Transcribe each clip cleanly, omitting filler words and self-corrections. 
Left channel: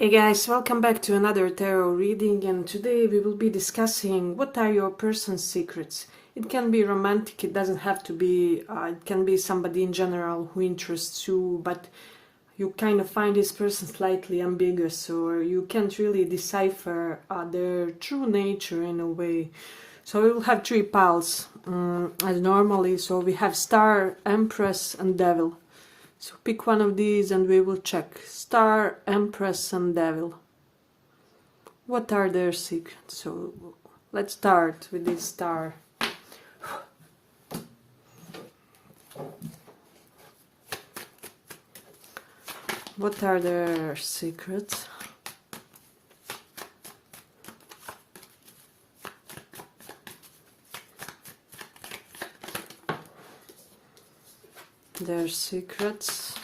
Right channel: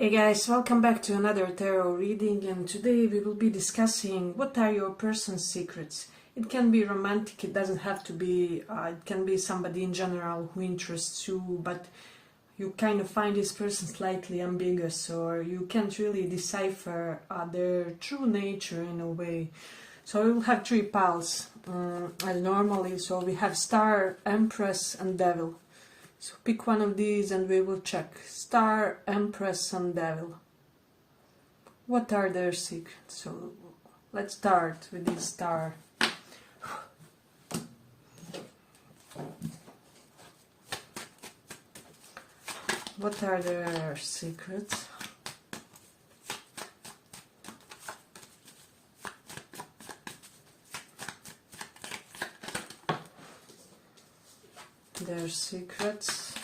Hey guys, welcome back to another tarot reading, and today we will be discussing what are your person's secrets. It can be romantic, it doesn't have to be, it can be somebody in general who interests you, but you kind of find this person slightly ambiguous, or you can't really decipher their true nature in a way. So we will have three piles as normally. So we have Star, Empress and Devil. So pick one of these and we will check. Star, Empress and Devil. What are their secrets? So let's start with this Star. What are their secrets? Their secrets.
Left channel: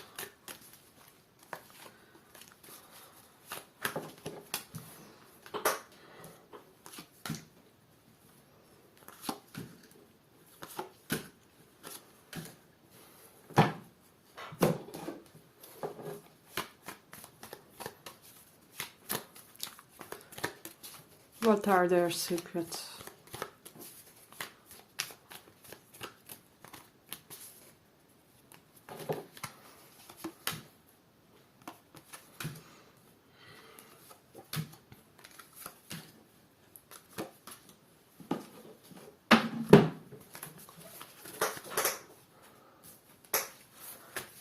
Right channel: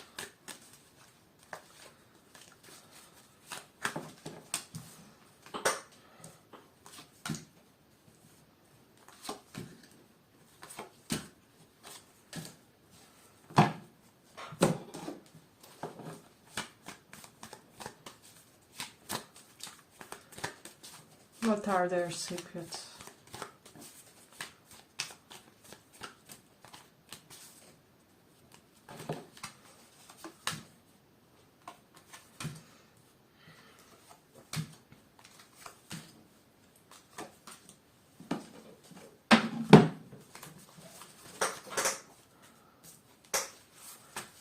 What are their secrets?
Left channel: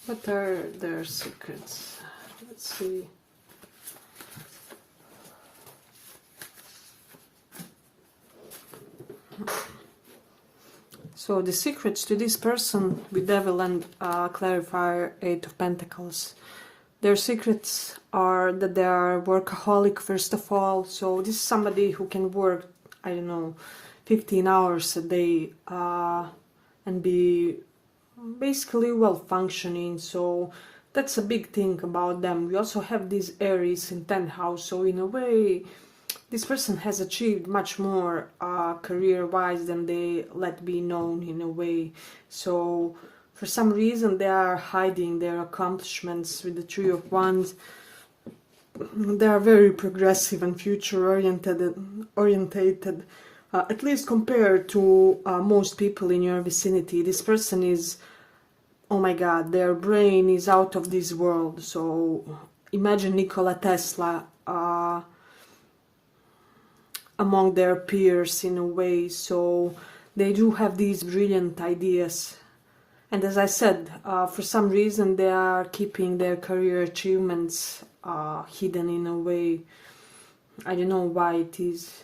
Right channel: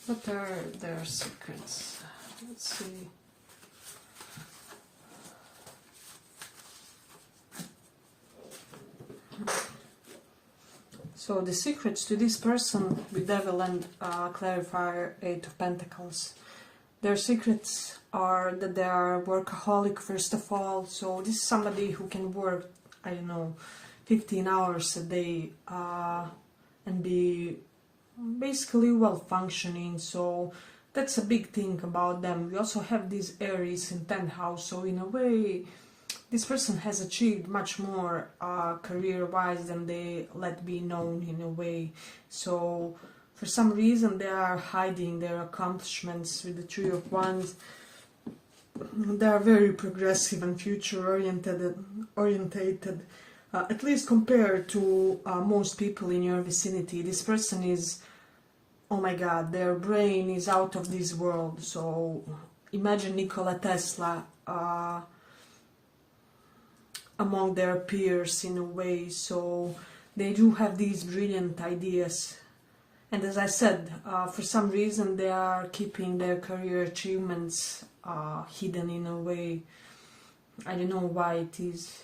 What are their secrets? Let's see. So the secrets to this person with Devil and Clarifier, Eight of Pentacles. Their secrets are that they are workaholic first of all. So this is somebody who can work, I don't know, 15 hours a day and be basically well functioning. So that's a big thing about them. We also have this Aries in 10th house. So in a way, this person has achieved much more career-wise than they let be known in a way. So for some reason they are hiding their accomplishments with the Three of Wands. They are very progressive and future-orientated, at least compared to most people in your vicinity. This person is, oh my god, their brain is out of this world. So imagine Nikola Tesla among their peers in a way. So they do have these brilliant ideas, and as I said, for some reason they are keeping their career achievements hidden in a way. I don't know why it is.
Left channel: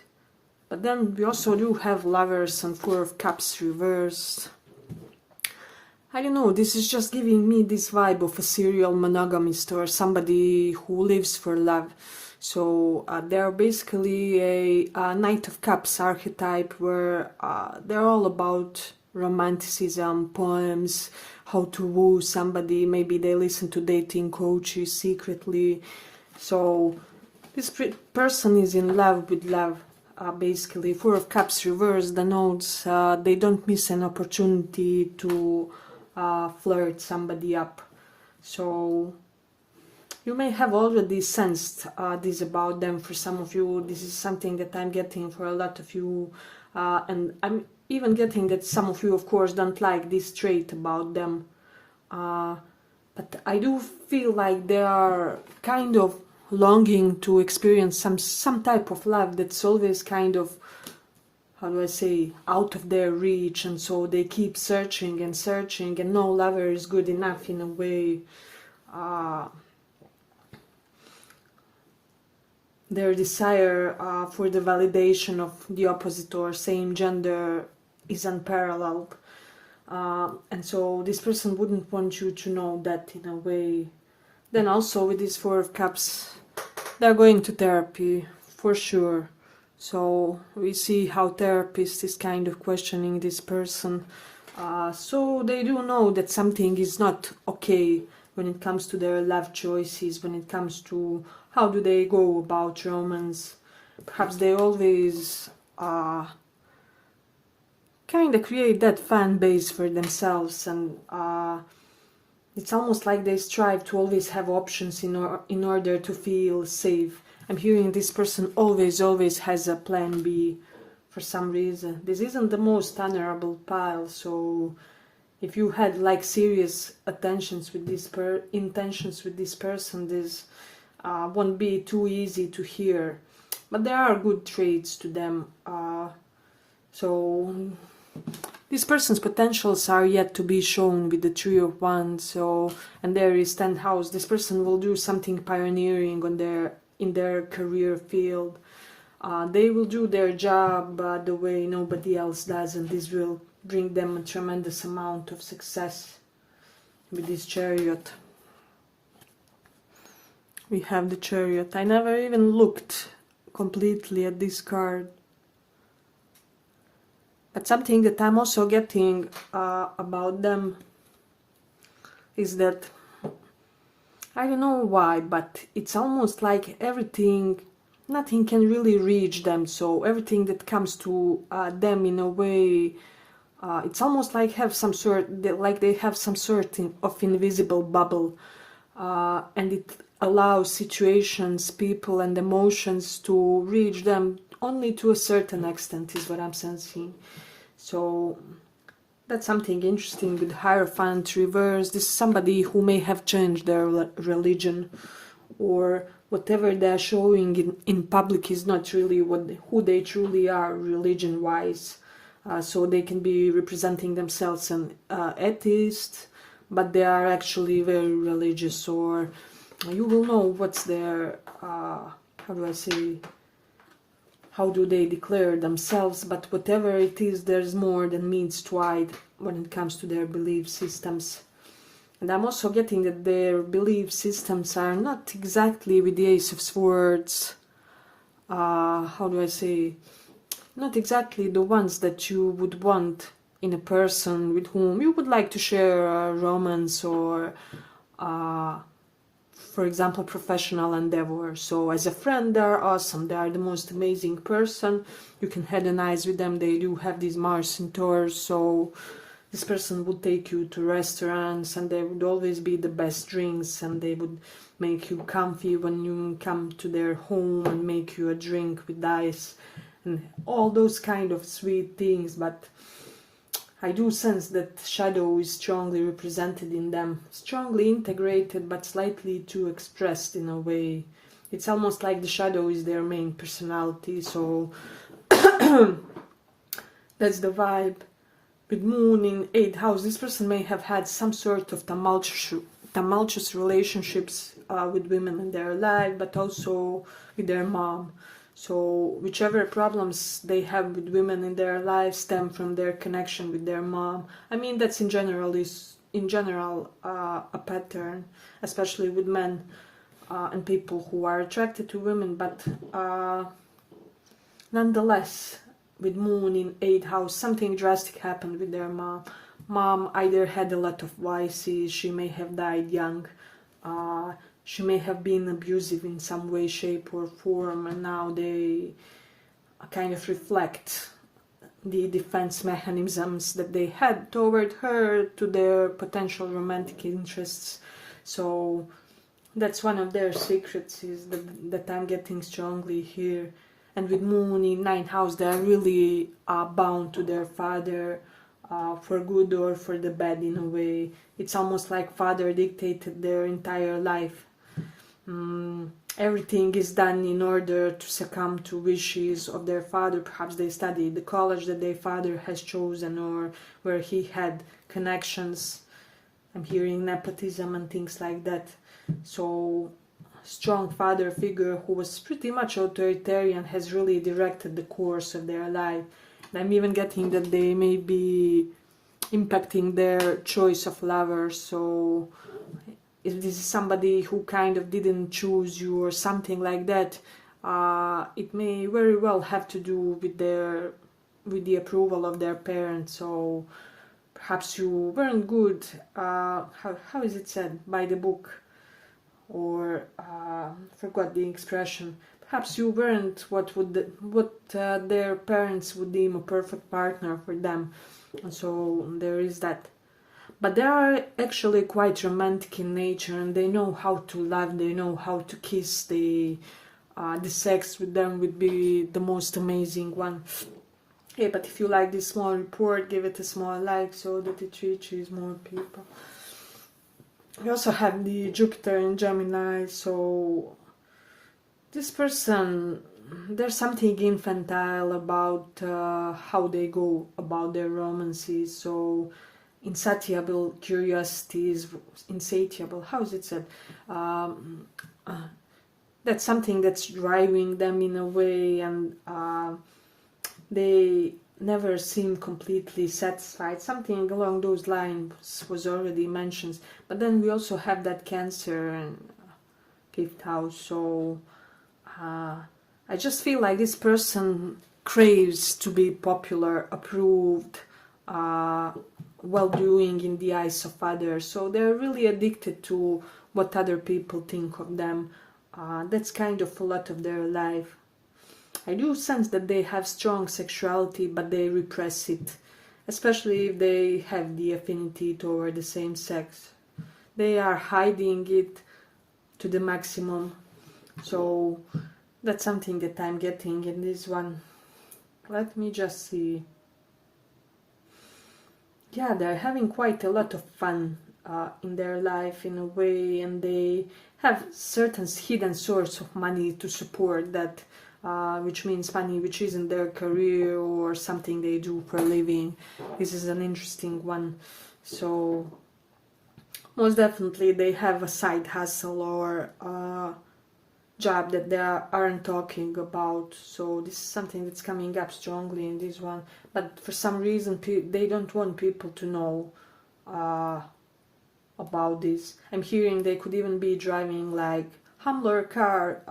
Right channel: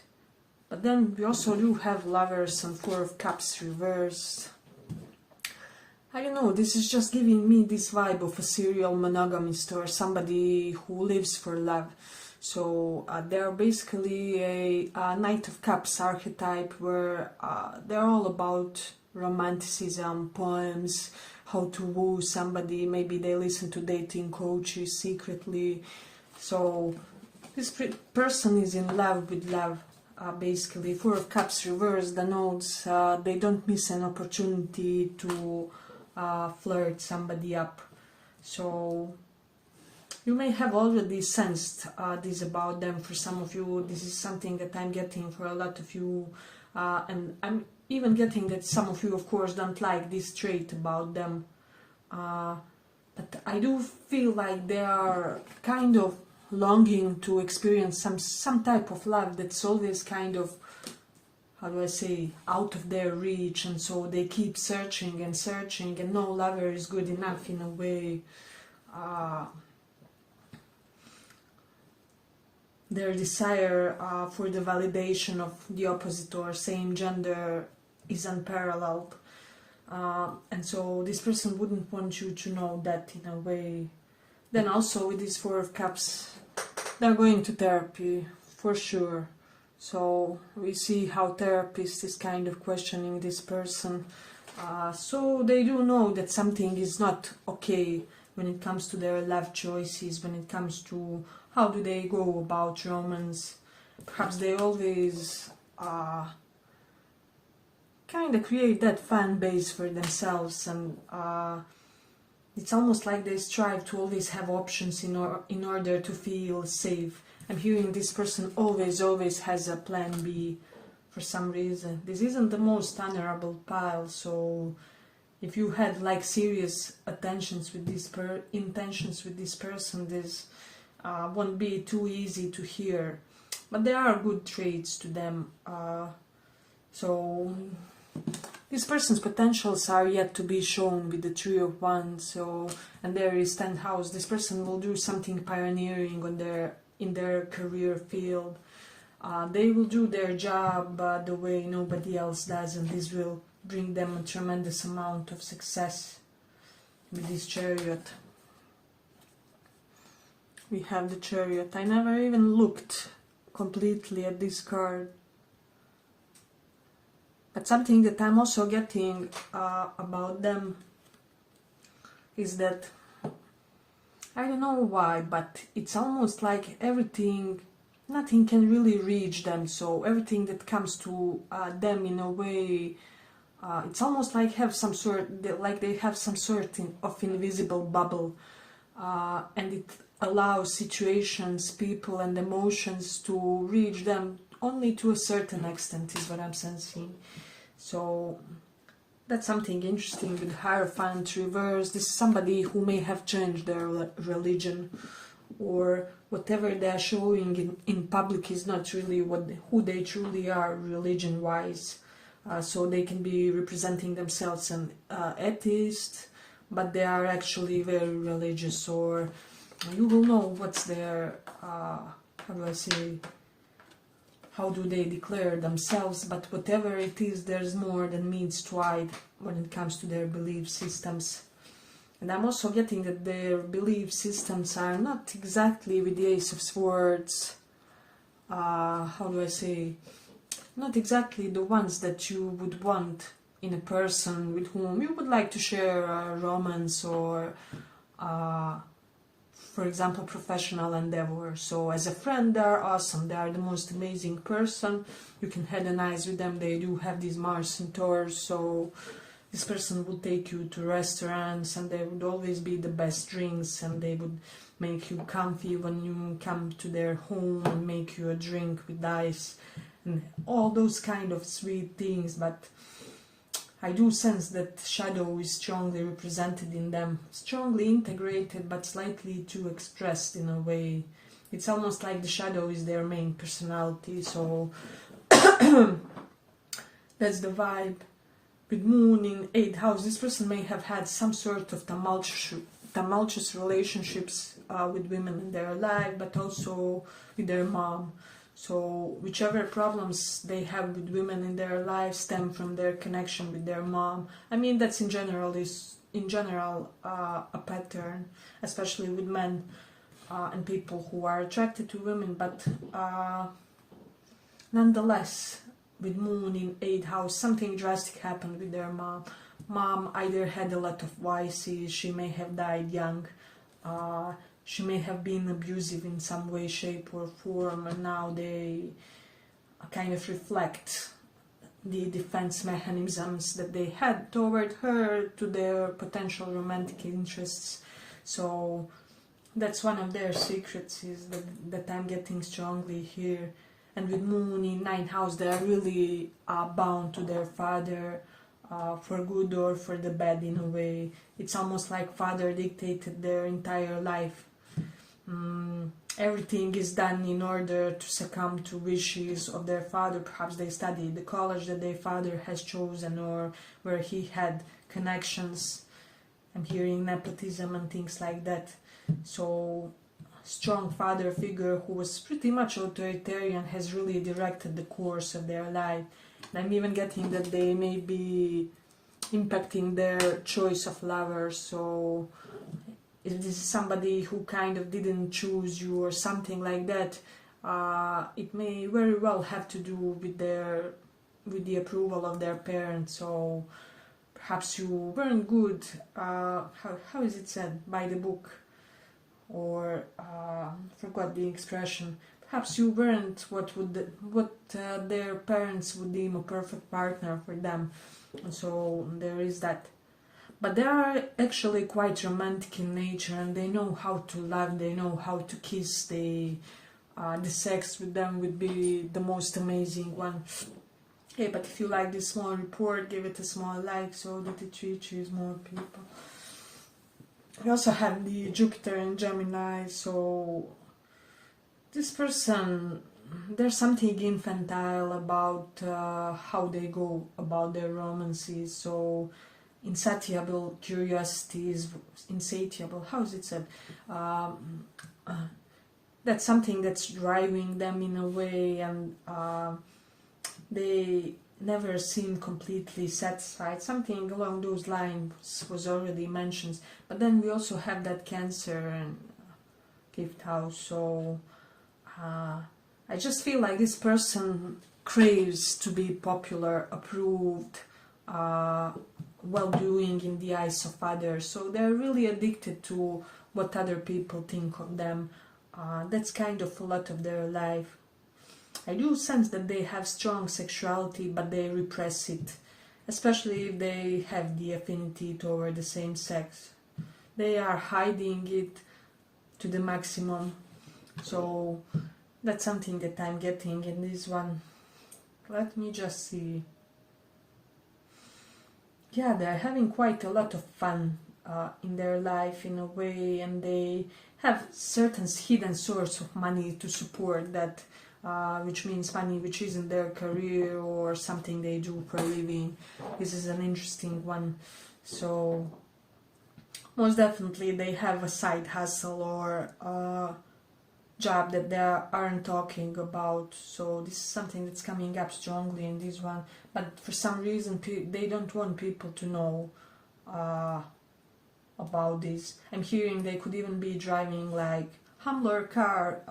But then we also do have Lovers and Four of Cups reversed. I don't know, this is just giving me this vibe of a serial monogamist or somebody who lives for love. So they're basically a Knight of Cups archetype, where they're all about romanticism, poems, how to woo somebody. Maybe they listen to dating coaches secretly. So this person is in love with love. Basically, Four of Cups reversed denotes they don't miss an opportunity to flirt somebody up. So you may have already sensed this about them. For some of you, this is something that I'm getting for a lot of you, and I'm even getting that some of you, of course, don't like this trait about them, but I do feel like they are kind of longing to experience some type of love that's always kind of, how do I say, out of their reach, and so they keep searching and searching, and no lover is good enough in a way. Their desire for the validation of the opposite or same gender is unparalleled, and so this person wouldn't want you to know that in a way. Then also with this Four of Cups, they're going to therapy for sure. So we see how therapist is kind of questioning this person. So they do know that something is not okay when it comes to their love choices, when it comes to how do they go about romance. Perhaps they always kind of create that fan base for themselves, and It's almost like they strive to always have options in order to feel safe. I'm hearing this person always has a plan B for some reason. This isn't the most honorable pile, so if you had like serious intentions with this person, this won't be too easy to hear. But there are good traits to them. So this person's potentials are yet to be shown with the Three of Wands. So, and there is 10th house. This person will do something pioneering in their career field. They will do their job the way nobody else does, and this will bring them a tremendous amount of success. With this Chariot, we have the Chariot. I never even looked completely at this card. But something that I'm also getting about them is that, I don't know why, but it's almost like nothing can really reach them. So everything that comes to them in a way, it's almost like they have some sort of invisible bubble, and it allows situations, people, and emotions to reach them only to a certain extent, is what I'm sensing. So that's something interesting with Hierophant reverse. This is somebody who may have changed their religion, or whatever they're showing in public is not really who they truly are religion-wise. So they can be representing themselves an atheist, but they are actually very religious, or you will know what's their, how do they declare themselves, but whatever it is, there's more than means to hide when it comes to their belief systems. And I'm also getting that their belief systems are not exactly with the Ace of Swords, not exactly the ones that you would want in a person with whom you would like to share a romance or for example, professional endeavor. So as a friend, they're awesome. They are the most amazing person. You can hedonize with them. They do have these Mars in Taurus, so this person would take you to restaurants, and there would always be the best drinks, and they would make you comfy when you come to their home and make you a drink with ice and all those kind of sweet things. But I do sense that shadow is strongly represented in them, strongly integrated but slightly too expressed in a way. It's almost like the shadow is their main personality, so that's the vibe. With Moon in 8th house, this person may have had some sort of tumultuous relationships with women in their life, but also with their mom. So whichever problems they have with women in their lives stem from their connection with their mom. I mean, that's in general a pattern, especially with men and people who are attracted to women. But nonetheless, with Moon in 8th house, something drastic happened with their mom. Mom either had a lot of vices, she may have died young, she may have been abusive in some way, shape or form, and now they kind of reflect the defense mechanisms that they had toward her to their potential romantic interests. So that's one of their secrets, is that I'm getting strongly here. And with Moon in 9th house, they're really bound to their father, for good or for the bad in a way. It's almost like father dictated their entire life. Everything is done in order to succumb to wishes of their father. Perhaps they studied the college that their father has chosen, or where he had connections. I'm hearing nepotism and things like that. So strong father figure who was pretty much authoritarian has really directed the course of their life. And I'm even getting that they may be impacting their choice of lovers. So if this is somebody who kind of didn't choose you or something like that, it may very well have to do with the approval of their parents. So perhaps you weren't good, how is it said, by the book, or forgot the expression. Perhaps you weren't what their parents would deem a perfect partner for them, and so there is that. but they are actually quite romantic in nature, and they know how to love, they know how to kiss. The sex with them would be the most amazing one. Yeah, but if you like this small report, give it a small like so that it reaches more people. We also have the Jupiter and Gemini, so this person, there's something infantile about how they go about their romances. So insatiable curiosity is insatiable. How is it said? That's something that's driving them in a way, and they never seem completely satisfied. Something along those lines was already mentioned. But then we also have that Cancer and fifth house. So I just feel like this person craves to be popular, approved, well-doing in the eyes of others. So they're really addicted to what other people think of them. That's kind of a lot of their life. I do sense that they have strong sexuality, but they repress it, especially if they have the affinity toward the same sex. They are hiding it to the maximum. So that's something that I'm getting in this one. Let me just see. Yeah, they're having quite a lot of fun in their life in a way, and they have certain hidden source of money to support that, which means money which isn't their career or something they do for a living. This is an interesting one. So most definitely they have a side hustle or job that they aren't talking about. So this is something that's coming up strongly in this one, but for some reason they don't want people to know about this. I'm hearing they could even be driving like humbler car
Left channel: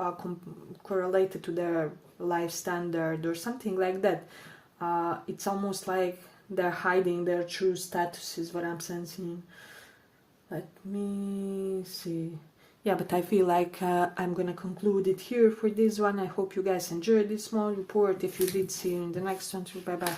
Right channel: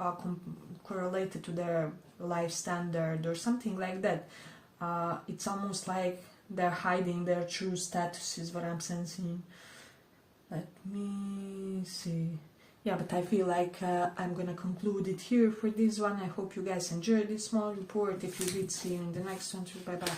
correlated to their life standard or something like that. It's almost like they're hiding their true status is what I'm sensing. Let me see. Yeah, but I feel like I'm gonna conclude it here for this one. I hope you guys enjoyed this small report. If you did, see you in the next one too. Bye bye.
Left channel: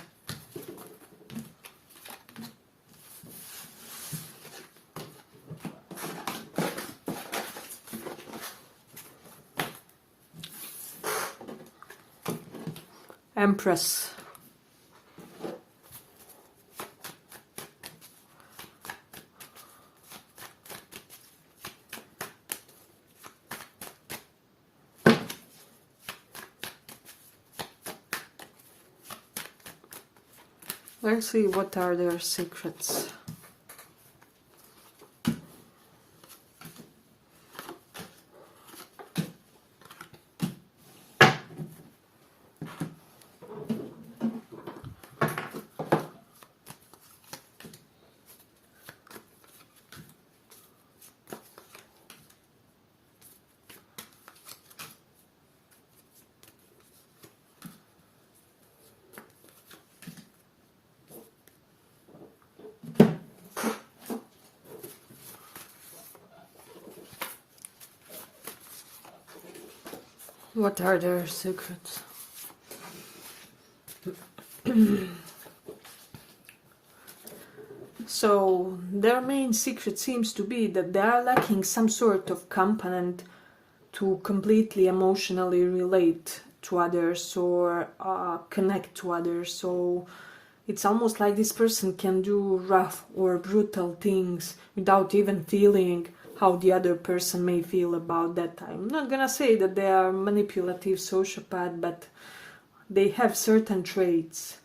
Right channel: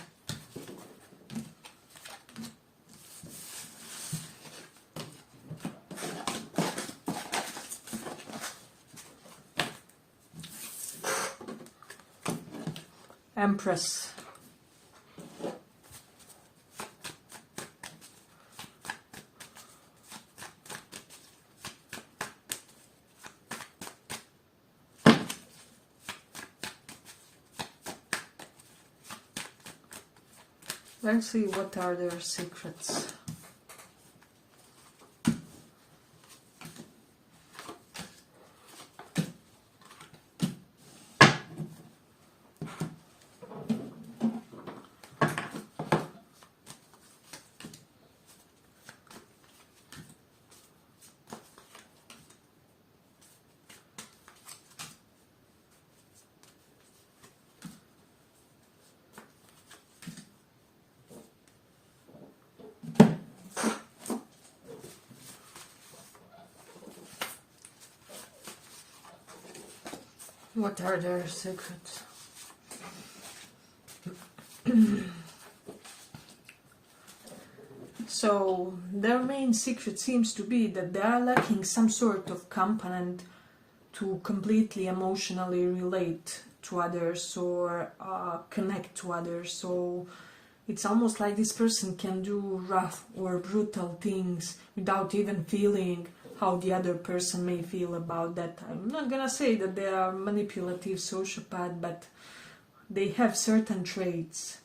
Empress. Let's see what are their secrets. What are their secrets? So their main secret seems to be that they are lacking some sort of component to completely emotionally relate to others or connect to others. So it's almost like this person can do rough or brutal things without even feeling how the other person may feel about that. I'm not gonna say that they are manipulative sociopath, but they have certain traits.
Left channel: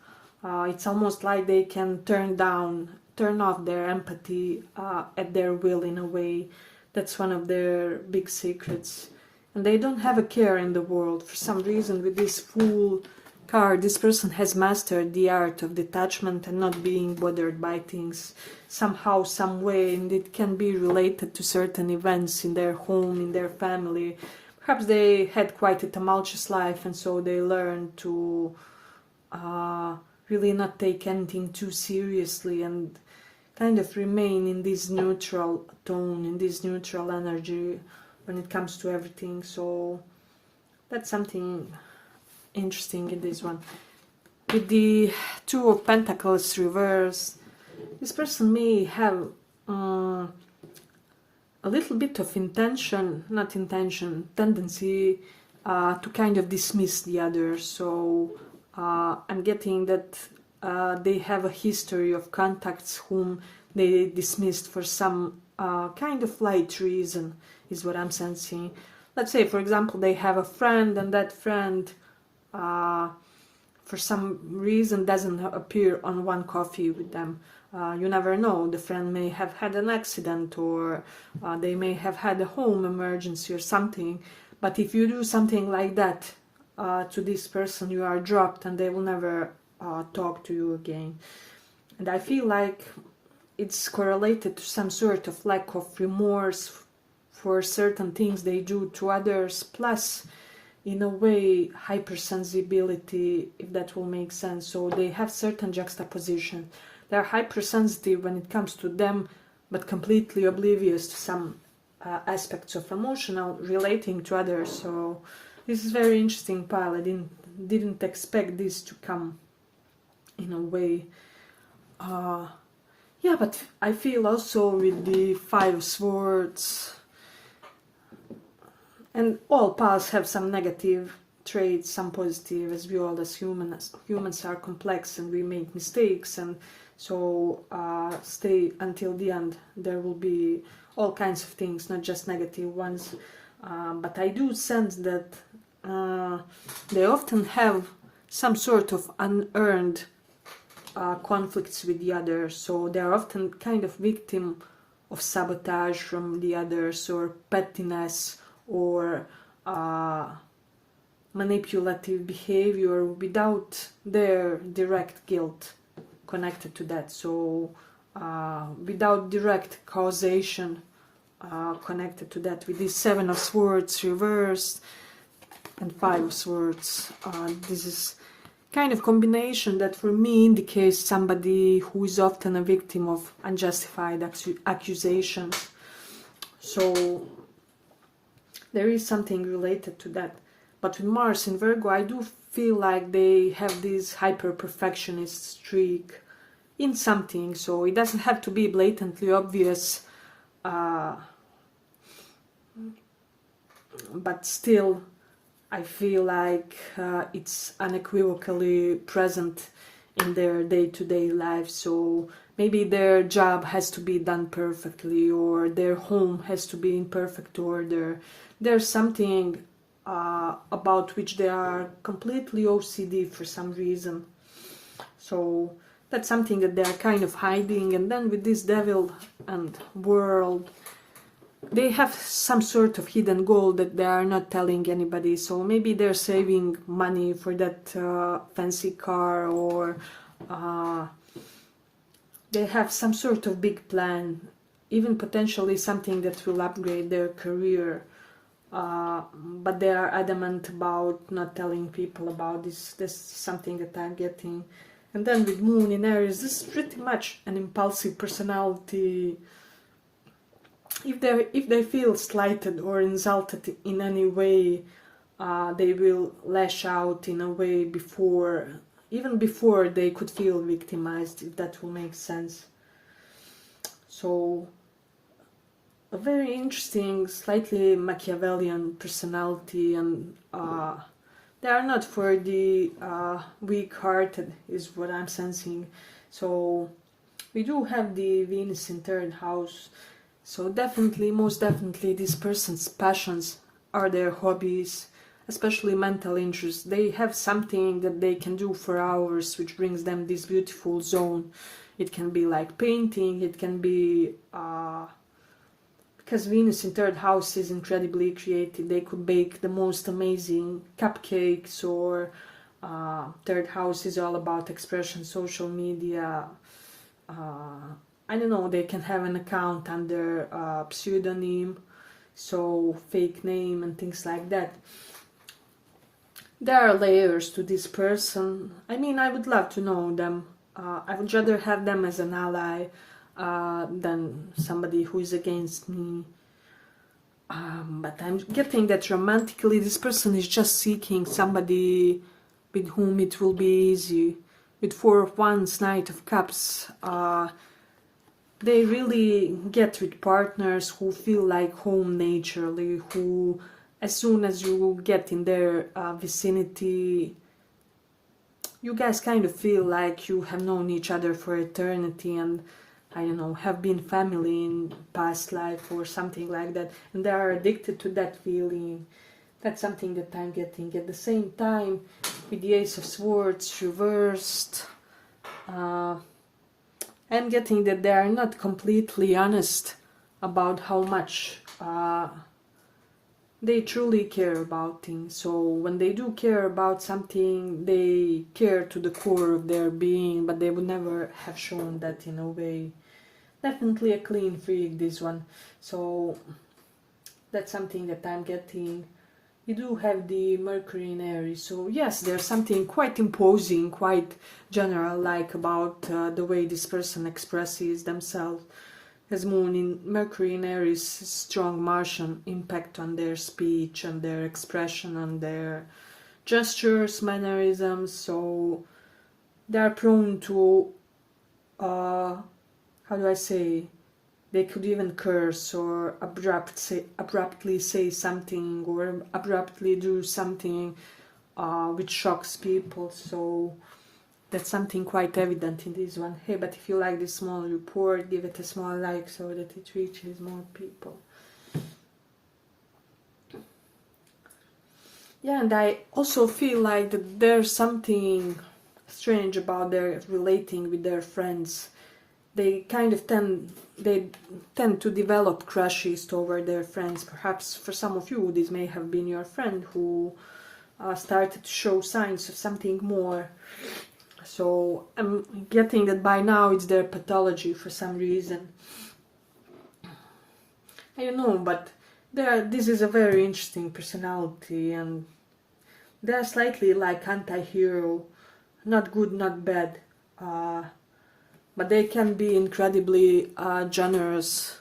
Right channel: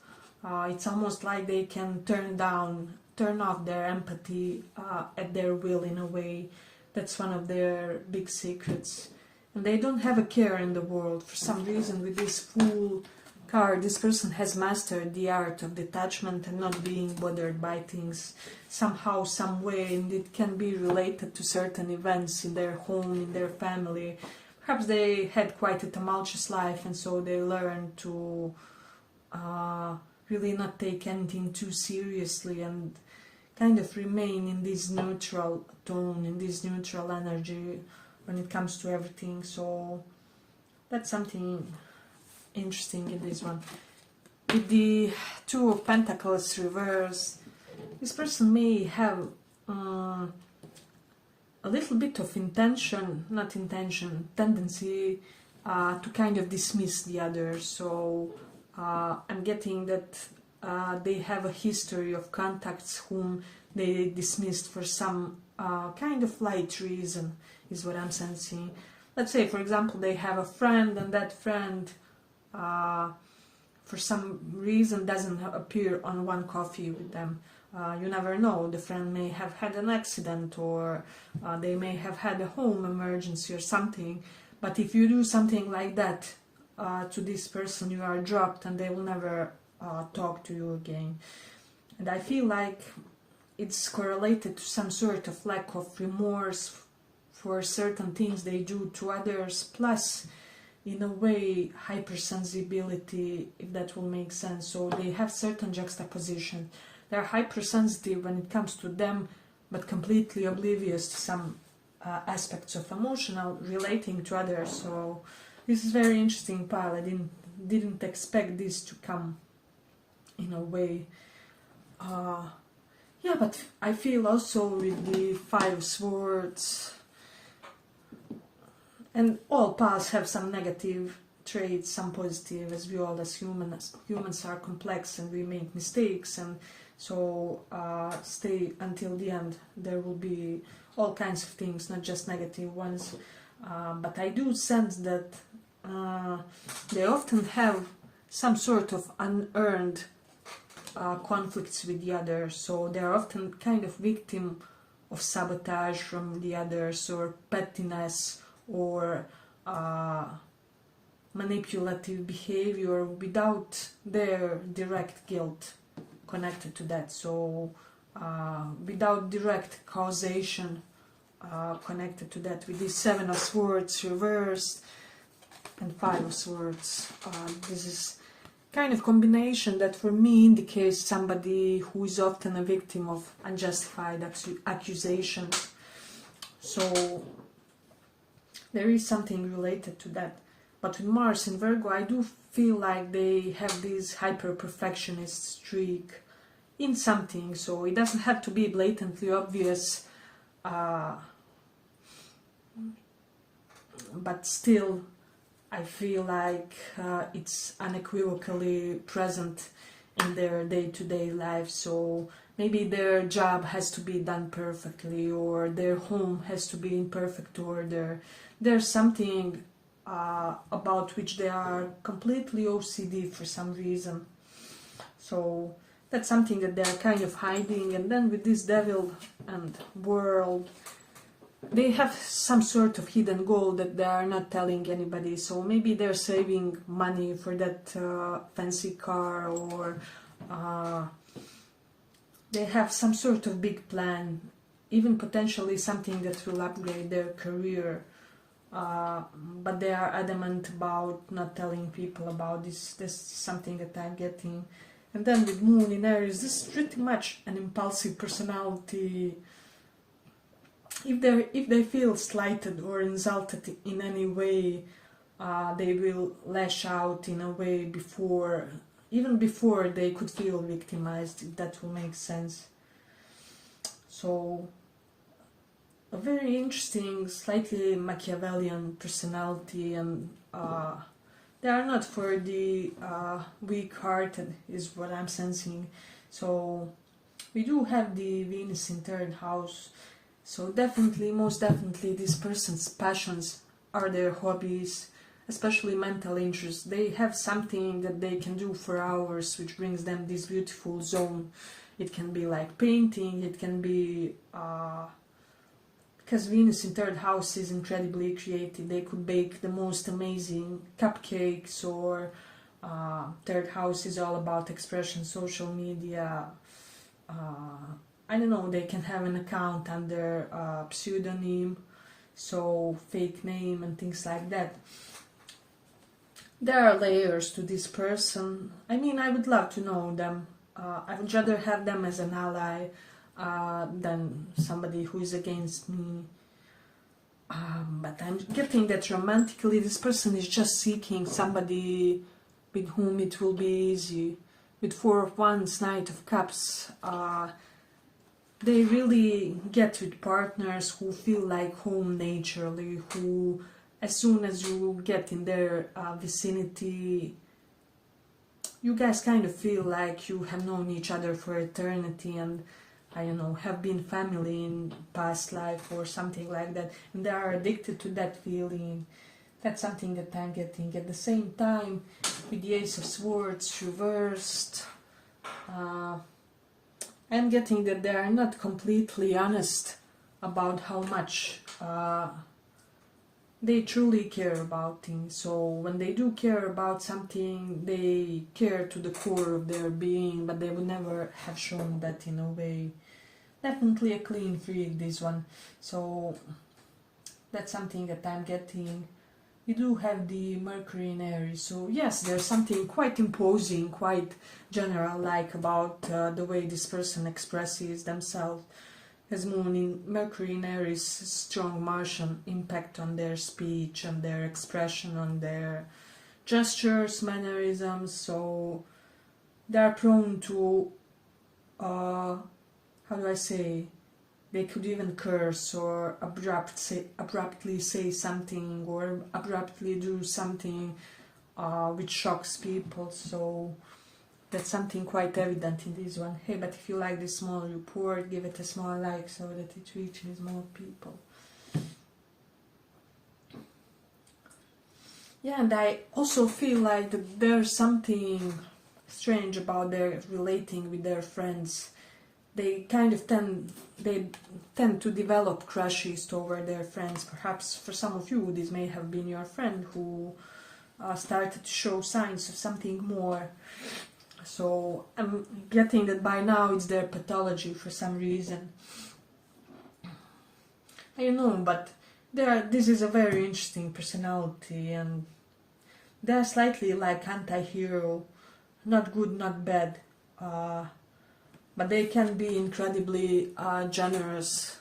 It's almost like they can turn off their empathy at their will in a way. That's one of their big secrets. And they don't have a care in the world. For some reason, with this Fool card, this person has mastered the art of detachment and not being bothered by things somehow, some way, and it can be related to certain events in their home, in their family. Perhaps they had quite a tumultuous life, and so they learned to really not take anything too seriously and kind of remain in this neutral tone, in this neutral energy when it comes to everything. So that's something interesting in this one. With the Two of Pentacles reversed, this person may have a little bit of tendency to kind of dismiss the other. So I'm getting that they have a history of contacts whom they dismissed for some kind of light reason, is what I'm sensing. Let's say, for example, they have a friend, and that friend for some reason doesn't appear on one coffee with them. You never know, the friend may have had an accident, or they may have had a home emergency or something. But if you do something like that to this person, you are dropped and they will never talk to you again. And I feel like it's correlated to some sort of lack of remorse for certain things they do to others, plus in a way hypersensibility, if that will make sense. So they have certain juxtaposition. They're hypersensitive when it comes to them, but completely oblivious to some aspects of emotional relating to others. So this is very interesting pile. I didn't expect this to come in a way. Yeah, but I feel also with the Five of Swords, and all piles have some negative traits, some positive, as we all as humans are complex and we make mistakes, and so stay until the end. There will be all kinds of things, not just negative ones, but I do sense that they often have some sort of unearned conflicts with the others, so they're often kind of victim of sabotage from the others, or pettiness, or manipulative behavior without their direct guilt connected to that. So without direct causation connected to that. With this Seven of Swords reversed and Five of Swords, this is kind of combination that for me indicates somebody who is often a victim of unjustified accusations. So there is something related to that. But with Mars in Virgo, I do feel like they have this hyper-perfectionist streak in something, so it doesn't have to be blatantly obvious, but still I feel like it's unequivocally present in their day-to-day life. So maybe their job has to be done perfectly, or their home has to be in perfect order. There's something about which they are completely OCD for some reason. So that's something that they're kind of hiding. And then with this Devil and World, they have some sort of hidden goal that they are not telling anybody. So maybe they're saving money for that fancy car, or they have some sort of big plan, even potentially something that will upgrade their career. But they are adamant about not telling people about this. This is something that I'm getting. And then with Moon in Aries, this is pretty much an impulsive personality. If they feel slighted or insulted in any way, they will lash out in a way even before they could feel victimized, if that will make sense. So a very interesting, slightly Machiavellian personality, and they are not for the weak-hearted, is what I'm sensing. So we do have the Venus in third house. So definitely, most definitely, this person's passions are their hobbies, especially mental interests. They have something that they can do for hours, which brings them this beautiful zone. It can be like painting, it can be because Venus in third house is incredibly creative. They could bake the most amazing cupcakes, or third house is all about expression, social media. I don't know, they can have an account under pseudonym, so fake name and things like that. There are layers to this person. I mean, I would love to know them. I would rather have them as an ally than somebody who is against me. But I'm getting that romantically this person is just seeking somebody with whom it will be easy. With Four of Wands, Knight of Cups, they really get with partners who feel like home naturally, who as soon as you get in their vicinity, you guys kind of feel like you have known each other for eternity, and I don't know, have been family in past life or something like that, and they are addicted to that feeling. That's something that I'm getting. At the same time, with the Ace of Swords reversed, I'm getting that they are not completely honest about how much they truly care about things. So when they do care about something, they care to the core of their being, but they would never have shown that in a way. Definitely a clean freak, this one. So that's something that I'm getting. You do have the Mercury in Aries, so yes, there's something quite imposing, quite general-like about the way this person expresses themselves. As Moon in Mercury in Aries, strong Martian impact on their speech, on their expression, on their gestures, mannerisms, so they are prone to, how do I say, they could even curse or abruptly say something or abruptly do something which shocks people. So that's something quite evident in this one. Hey, but if you like this small report, give it a small like so that it reaches more people. Yeah, and I also feel like that there's something strange about their relating with their friends. They kind of tend to develop crushes toward their friends. Perhaps for some of you, this may have been your friend who started to show signs of something more. So I'm getting that by now it's their pathology for some reason. I don't know, but this is a very interesting personality, and they're slightly like anti-hero, not good, not bad. But they can be incredibly generous,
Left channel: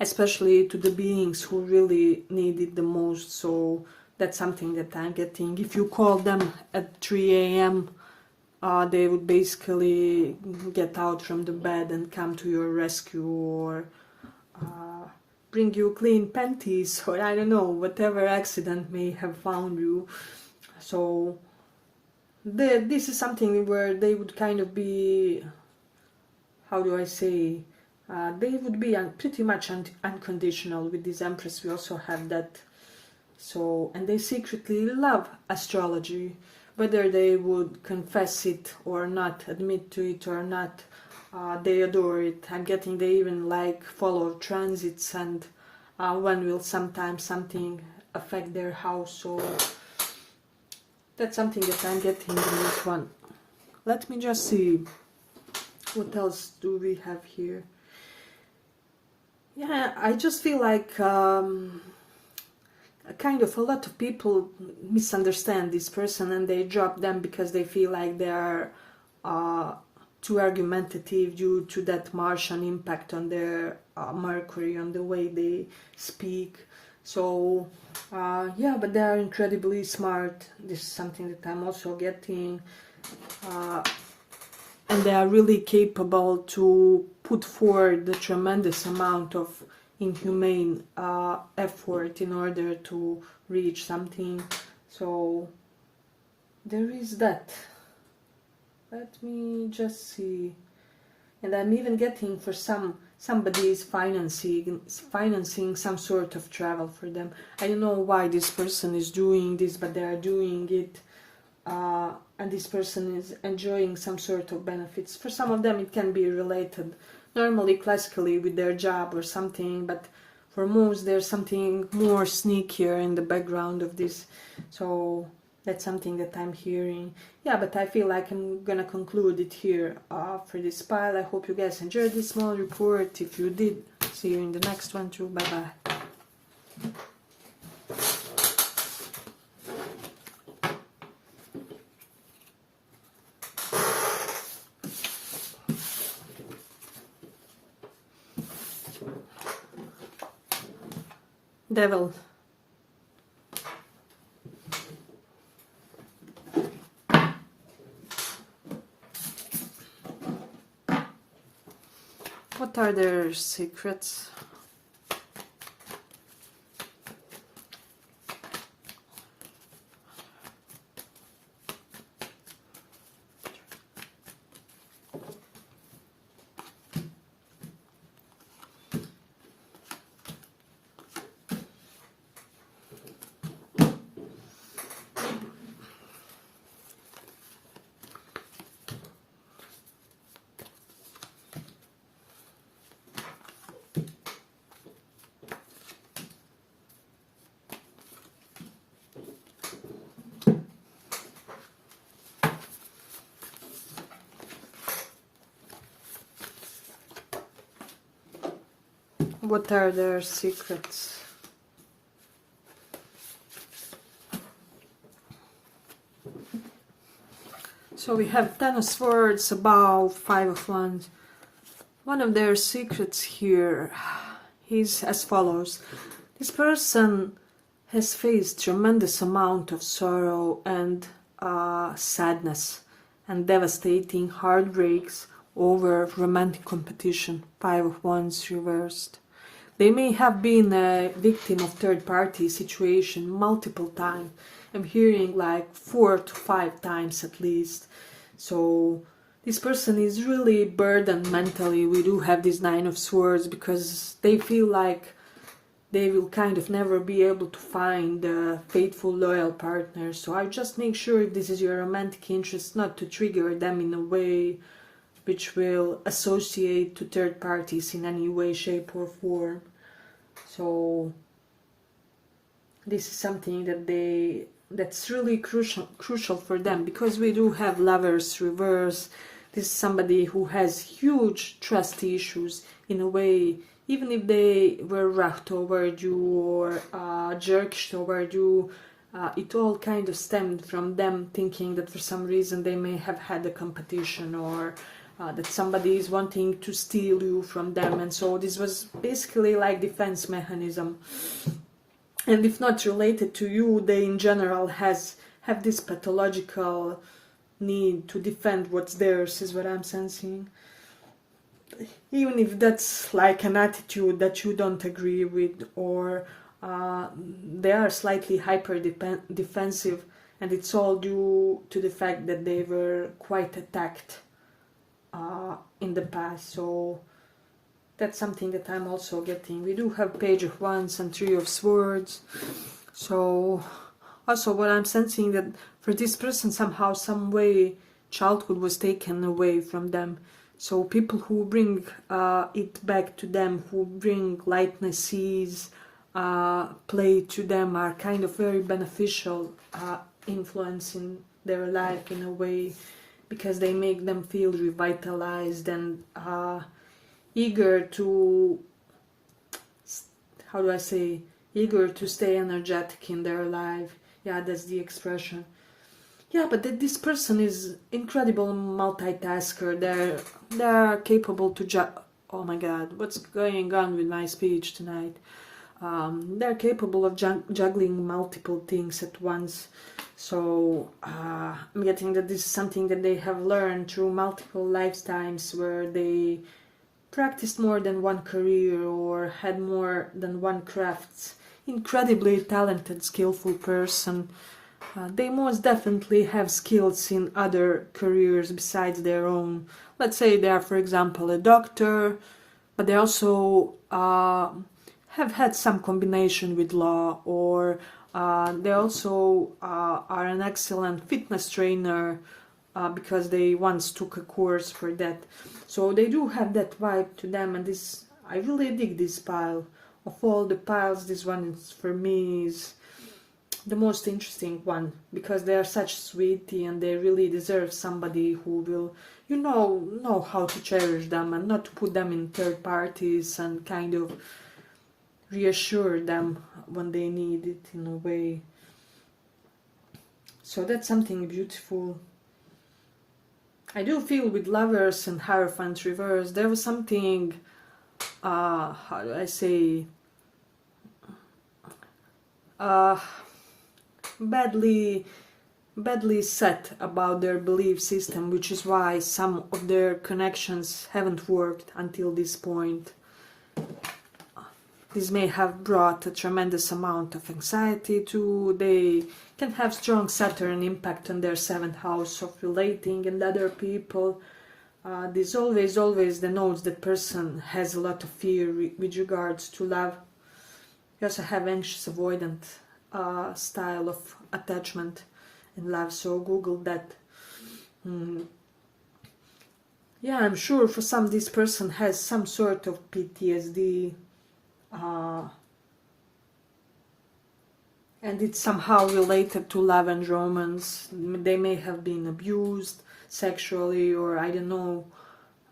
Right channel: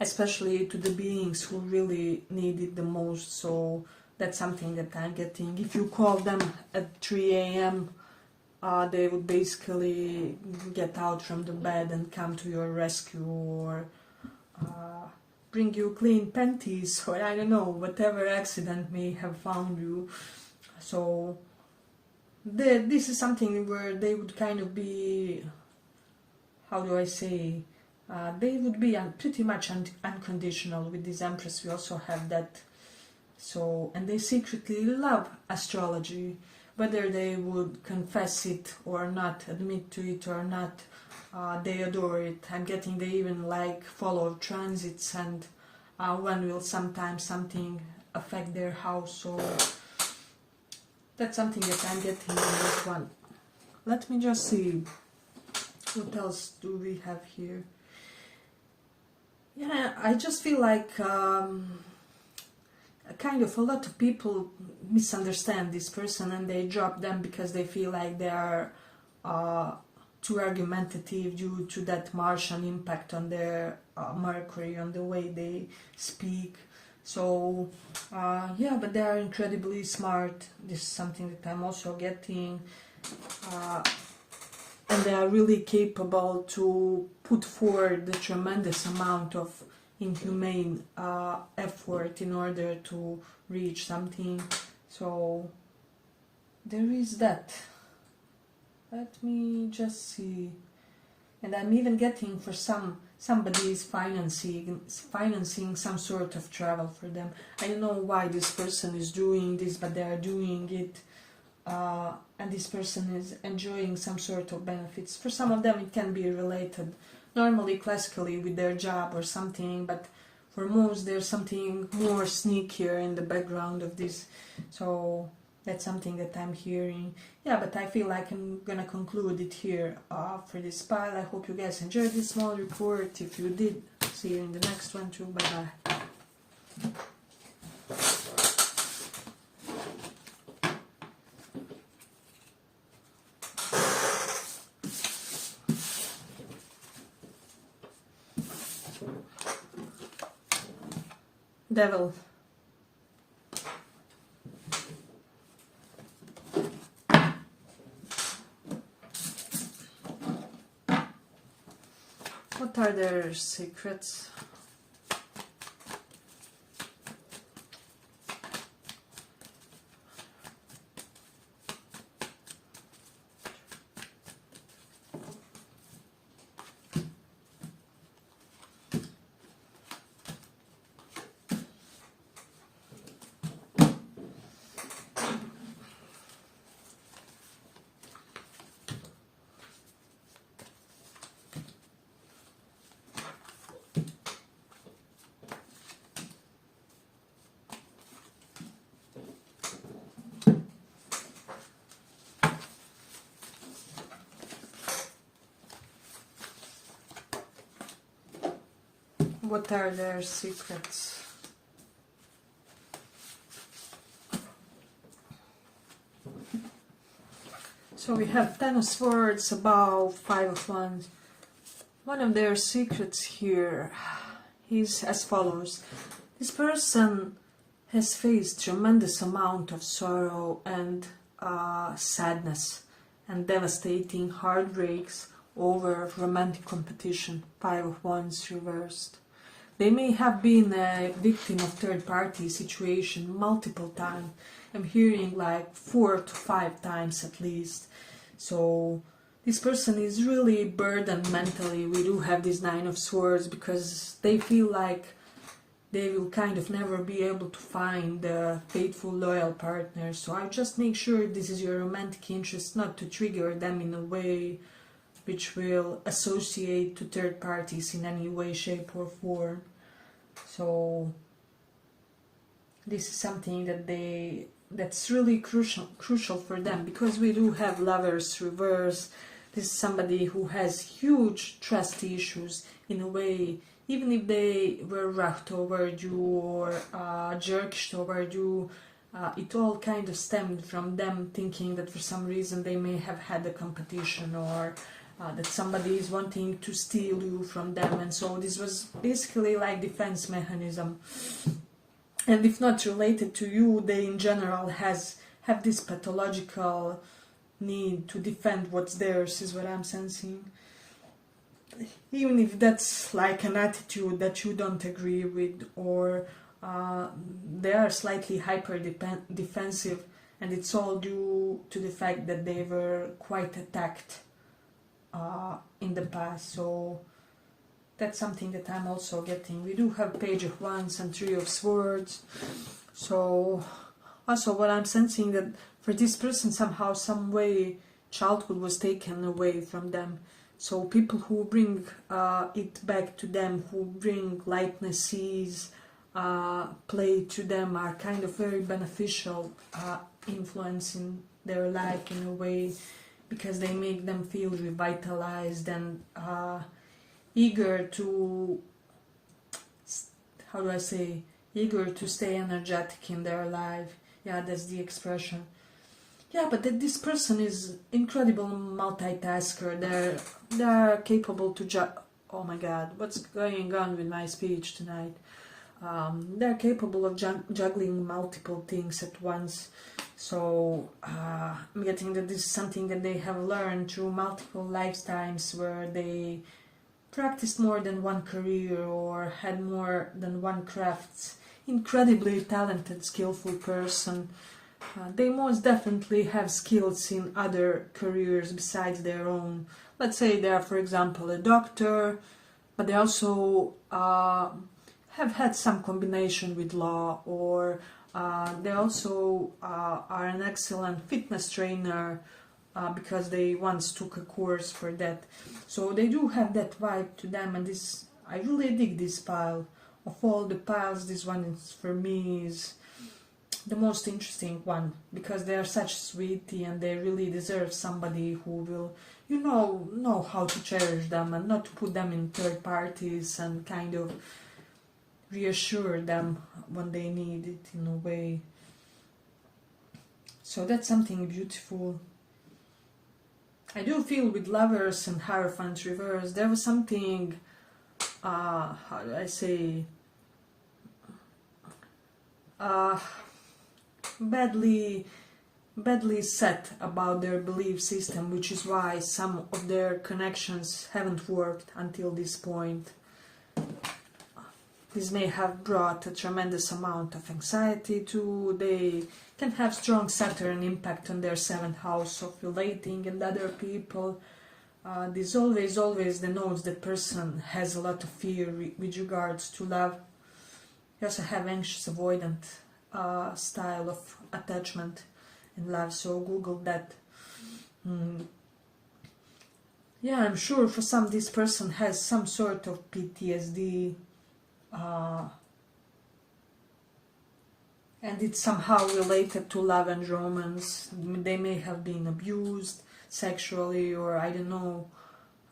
especially to the beings who really need it the most. So that's something that I'm getting. If you call them at 3 a.m., they would basically get out from the bed and come to your rescue, or bring you clean panties, or I don't know, whatever accident may have found you. So this is something where they would kind of be, how do I say, they would be pretty much unconditional. With this Empress we also have that. So, and they secretly love astrology, whether they would confess it or not, admit to it or not, they adore it. I'm getting they even like follow transits, and when will sometimes something affect their house. So that's something that I'm getting in this one. Let me just see. What else do we have here? Yeah, I just feel like kind of a lot of people misunderstand this person, and they drop them because they feel like they are too argumentative due to that Martian impact on their Mercury, on the way they speak. So yeah, but they are incredibly smart. This is something that I'm also getting. And they are really capable to put forward a tremendous amount of inhumane effort in order to reach something. So there is that. Let me just see. And I'm even getting for somebody is financing some sort of travel for them. I don't know why this person is doing this, but they are doing it. And this person is enjoying some sort of benefits. For some of them it can be related normally classically with their job or something, but for most there's something more sneakier in the background of this. So that's something that I'm hearing. Yeah, but I feel like I'm gonna conclude it here for this pile. I hope you guys enjoyed this small report. If you did, see you in the next one too. Bye bye. Devil. What are their secrets? What are their secrets? So we have Ten of Swords, above Five of Wands. One of their secrets here is as follows. This person has faced tremendous amount of sorrow and sadness and devastating heartbreaks over romantic competition. Five of Wands reversed. They may have been a victim of third-party situation multiple times. I'm hearing like 4 to 5 times at least. So this person is really burdened mentally. We do have this Nine of Swords because they feel like they will kind of never be able to find a faithful, loyal partner. So I just make sure if this is your romantic interest not to trigger them in a way which will associate to third parties in any way, shape or form. So this is something that's really crucial for them, because we do have Lovers reverse. This is somebody who has huge trust issues in a way. Even if they were rough toward you or jerkish toward you, it all kind of stemmed from them thinking that for some reason they may have had a competition, or that somebody is wanting to steal you from them, and so this was basically like defense mechanism. And if not related to you, they in general have this pathological need to defend what's theirs, is what I'm sensing. Even if that's like an attitude that you don't agree with, or they are slightly hyper defensive, and it's all due to the fact that they were quite attacked in the past. So that's something that I'm also getting. We do have Page of Wands and Three of Swords. So also what I'm sensing, that for this person somehow, some way, childhood was taken away from them. So people who bring it back to them, who bring lightness, ease, play to them, are kind of very beneficial influence in their life in a way, because they make them feel revitalized and eager to, how do I say, eager to stay energetic in their life. Yeah, that's the expression. Yeah, but this person is incredible multitasker. They're capable to oh my god, what's going on with my speech tonight? They're capable of juggling multiple things at once. So I'm getting that this is something that they have learned through multiple lifetimes, where they practiced more than one career or had more than one craft. Incredibly talented, skillful person. They most definitely have skills in other careers besides their own. Let's say they are, for example, a doctor, but they also have had some combination with law, or they also are an excellent fitness trainer because they once took a course for that. So they do have that vibe to them, and this, I really dig this pile. Of all the piles, this one is, for me, is the most interesting one, because they are such sweetie and they really deserve somebody who will, you know how to cherish them and not to put them in third parties, and kind of reassure them when they need it in a way. So that's something beautiful. I do feel with Lovers and Hierophant reverse, there was something, how do I say, badly badly set about their belief system, which is why some of their connections haven't worked until this point. This may have brought a tremendous amount of anxiety too. They can have strong Saturn impact on their 7th house of relating and other people. This always denotes that person has a lot of fear with regards to love. You also have anxious avoidant style of attachment in love, so Google that. Yeah, I'm sure for some this person has some sort of PTSD, and it's somehow related to love and romance. They may have been abused sexually, or I don't know,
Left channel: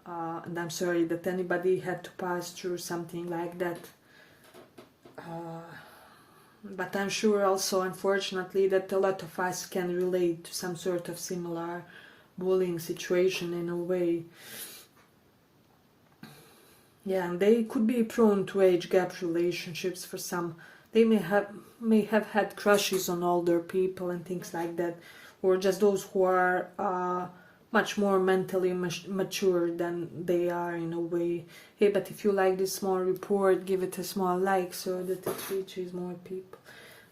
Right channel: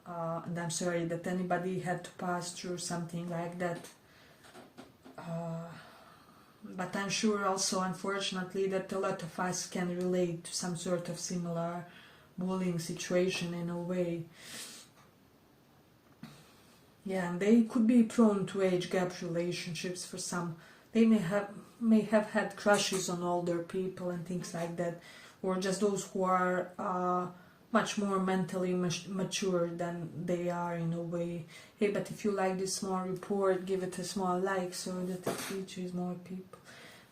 and I'm sorry that anybody had to pass through something like that. But I'm sure also, unfortunately, that a lot of us can relate to some sort of similar bullying situation in a way. Yeah, and they could be prone to age gap relationships for some. They may have had crushes on older people and things like that, or just those who are much more mentally mature than they are in a way. Hey, but if you like this small report, give it a small like so that it reaches more people.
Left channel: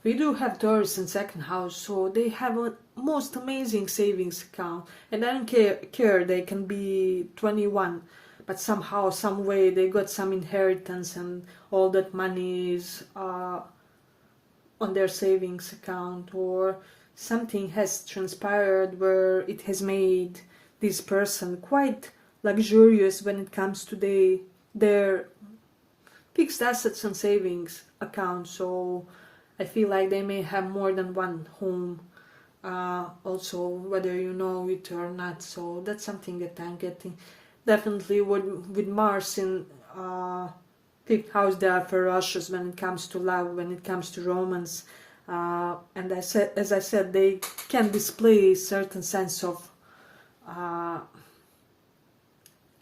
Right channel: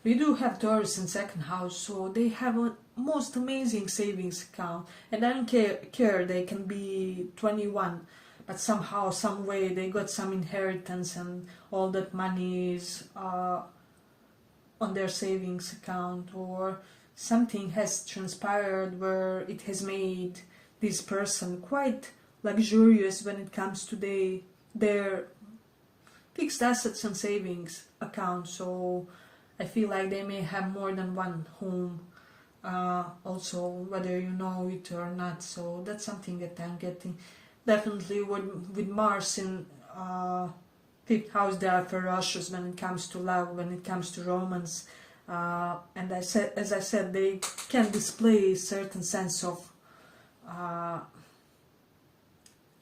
We do have Taurus in 2nd house, so they have a most amazing savings account, and I don't care they can be 21, but somehow, some way they got some inheritance and all that money is on their savings account, or something has transpired where it has made this person quite luxurious when it comes to their fixed assets and savings account. So I feel like they may have more than one home, also, whether you know it or not. So that's something that I'm getting. Definitely with Mars in 5th house, they are ferocious when it comes to love, when it comes to romance. And as I said, they can display a certain sense of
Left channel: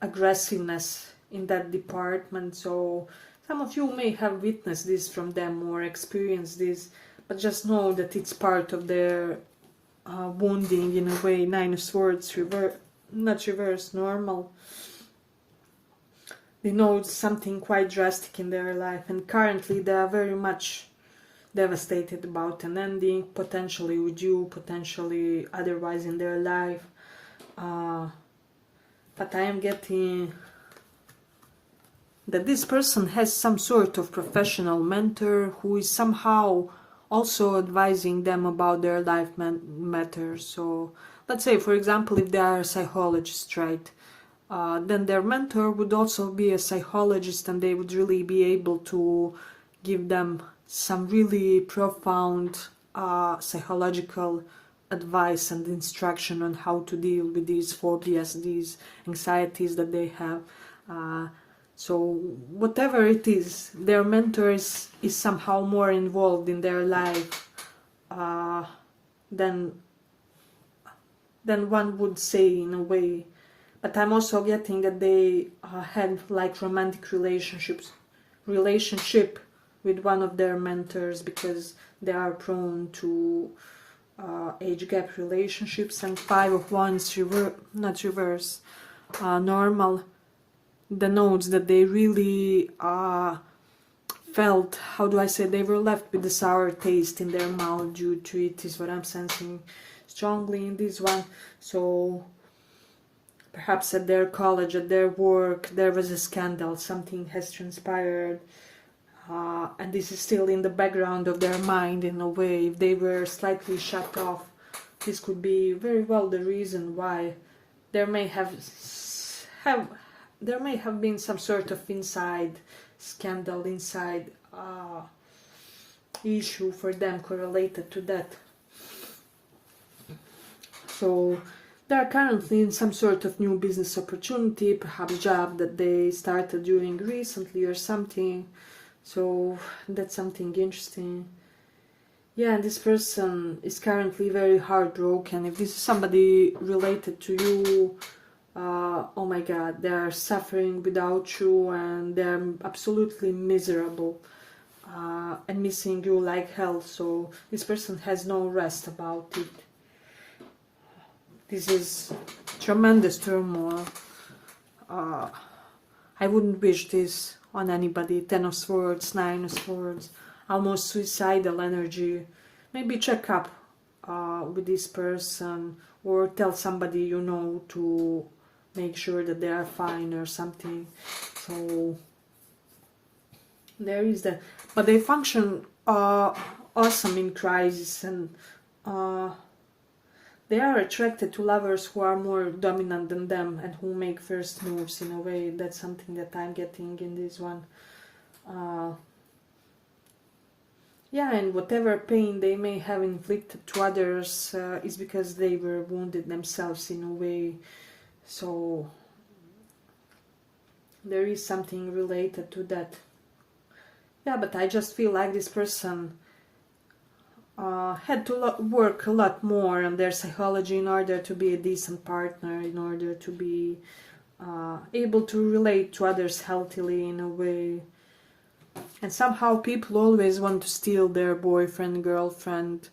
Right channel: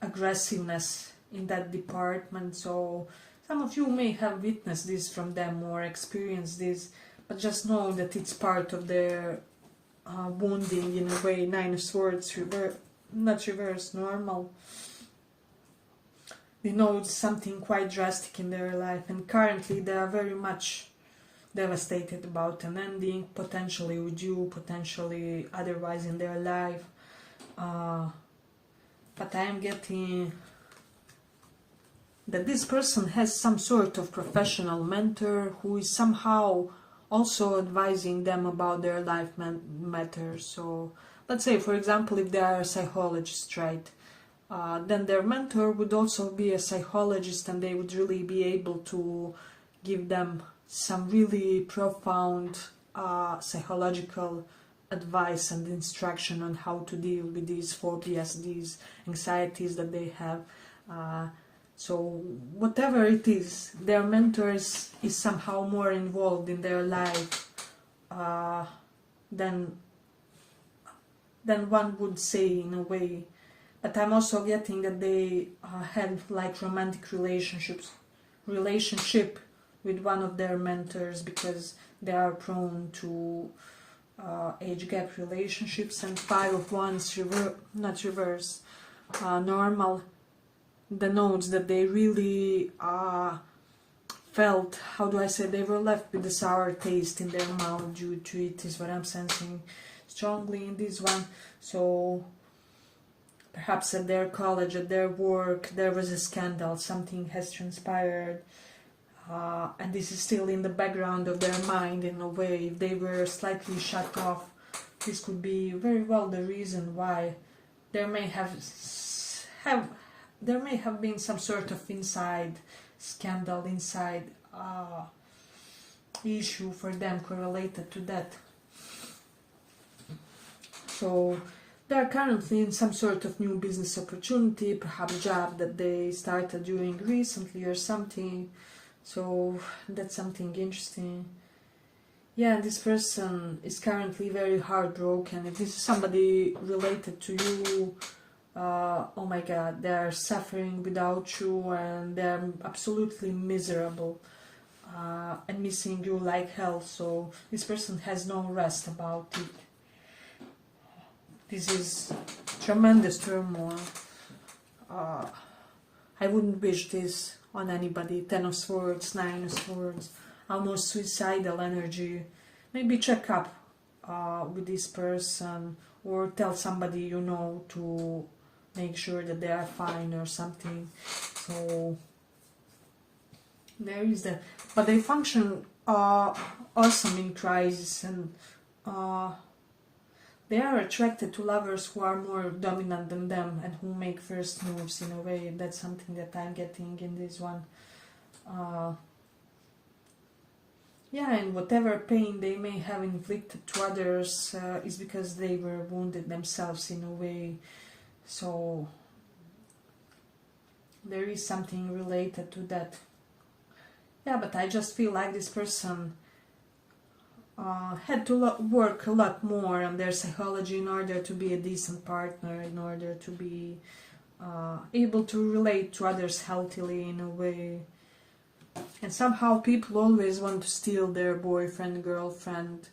aggressiveness in that department. So some of you may have witnessed this from them or experienced this, but just know that it's part of their wounding in a way. 9 of Swords, not reverse, normal. They know it's something quite drastic in their life, and currently they are very much devastated about an ending, potentially with you, potentially otherwise in their life. But I am getting that this person has some sort of professional mentor who is somehow also advising them about their life matters. So let's say, for example, if they are a psychologist, right, then their mentor would also be a psychologist, and they would really be able to give them some really profound psychological advice and instruction on how to deal with these phobias, these anxieties that they have. So whatever it is, their mentor is somehow more involved in their life than one would say in a way. But I'm also getting that they had like romantic relationship with one of their mentors, because they are prone to age gap relationships. And 5 of Wands, not reverse, normal, denotes that they really felt, how do I say, they were left with a sour taste in their mouth due to it, is what I'm sensing strongly in this one. So perhaps at their college, at their work, there was a scandal, something has transpired, and this is still in the background of their mind in a way. If they were slightly shut off, this could be very well the reason why there may have been some sort of inside scandal, inside issue for them correlated to that. So they are currently in some sort of new business opportunity, perhaps job that they started doing recently or something. So that's something interesting. Yeah, and this person is currently very heartbroken. If this is somebody related to you, oh my god, they are suffering without you, and they're absolutely miserable and missing you like hell. So this person has no rest about it. This is tremendous turmoil. I wouldn't wish this on anybody. 10 of Swords, 9 of Swords, almost suicidal energy. Maybe check up with this person, or tell somebody you know to make sure that they are fine or something. So there is that. But they function awesome in crisis, and they are attracted to lovers who are more dominant than them and who make first moves in a way. That's something that I'm getting in this one. Yeah, and whatever pain they may have inflicted to others is because they were wounded themselves in a way. So there is something related to that. Yeah, but I just feel like this person had to work a lot more on their psychology in order to be a decent partner, in order to be able to relate to others healthily in a way. And somehow people always want to steal their boyfriend, girlfriend,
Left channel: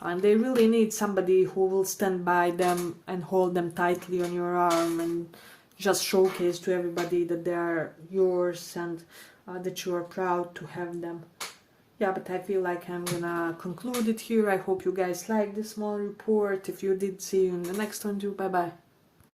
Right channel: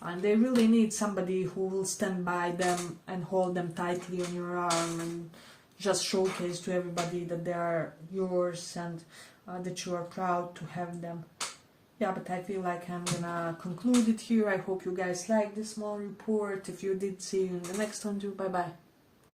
and they really need somebody who will stand by them and hold them tightly on your arm and just showcase to everybody that they are yours and that you are proud to have them. Yeah, but I feel like I'm gonna conclude it here. I hope you guys liked this small report. If you did, see you in the next one too. Bye bye.